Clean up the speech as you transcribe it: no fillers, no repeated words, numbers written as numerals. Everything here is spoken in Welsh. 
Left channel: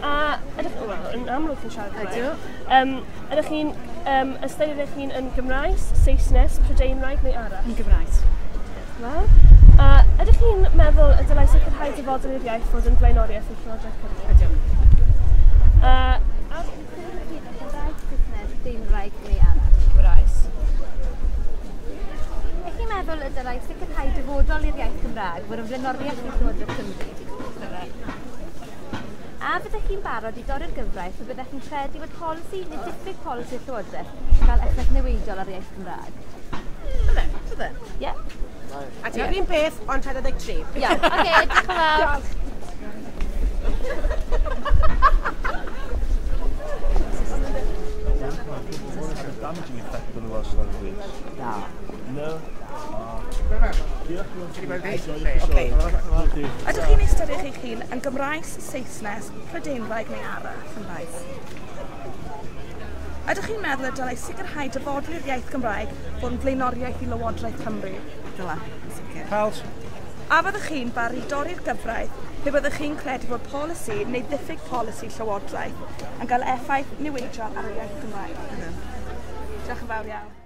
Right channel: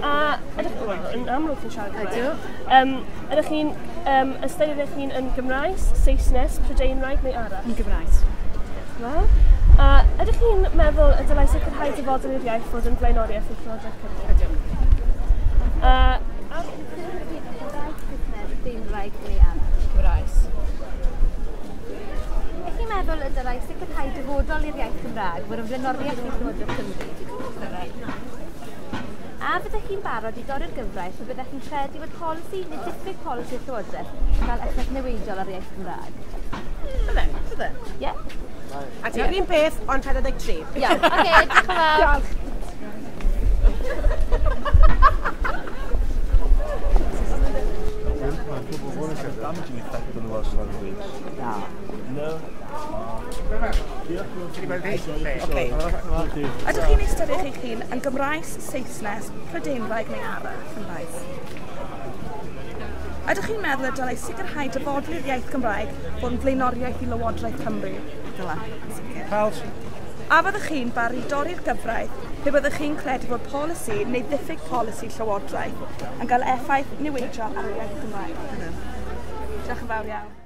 A ydych yn amlwg chi'n siarad Cymraeg? Ydych chi'n ystyried eich hun yn Gymraes, Saesnes, Prydeinraig neu arall? Yn Gymraes. A ydych chi'n meddwl y dylai sicrhau dyfodol i'r iaith fod yn blaenoriaeth i'r Llywodraeth Cymru? Ydw. A Gymraes, Saesnes, Prydeinraig neu arall? Gymraes. Ydych chi'n meddwl y dylai sicrhau dyfodol i'r iaith Gymraeg fod yn blaenoriaeth i'r Llywodraeth Cymru? A byddech chi'n barod i dorri'r gyfraith a byddech chi'n credu bod polisi neu diffyg polisi y Llywodraeth yn cael effaith newidiol ar iaith Gymraeg? Bydde. Ie? A ti'n un peth, ond 43. Iawn, oce, diolch yn fawr. Damaging effect on the Welsh language? No. No? Ydych chi'n ystyried eich hun yn Gymraes, Saesnes, Prydeinraig neu arall? Gymraes. Ydych chi'n meddwl y dylai sicrhau dyfodol i'r iaith Gymraeg fod yn blaenoriaeth i Lywodraeth Cymru? Dyla, sicr. Pals. A fyddech chi'n barod i dorri'r gyfraith pe byddech chi'n credu bod polisi neu diffyg polisi Llywodraeth yn cael effaith newidiol ar y iaith Gymraeg? Diolch yn fawr iawn.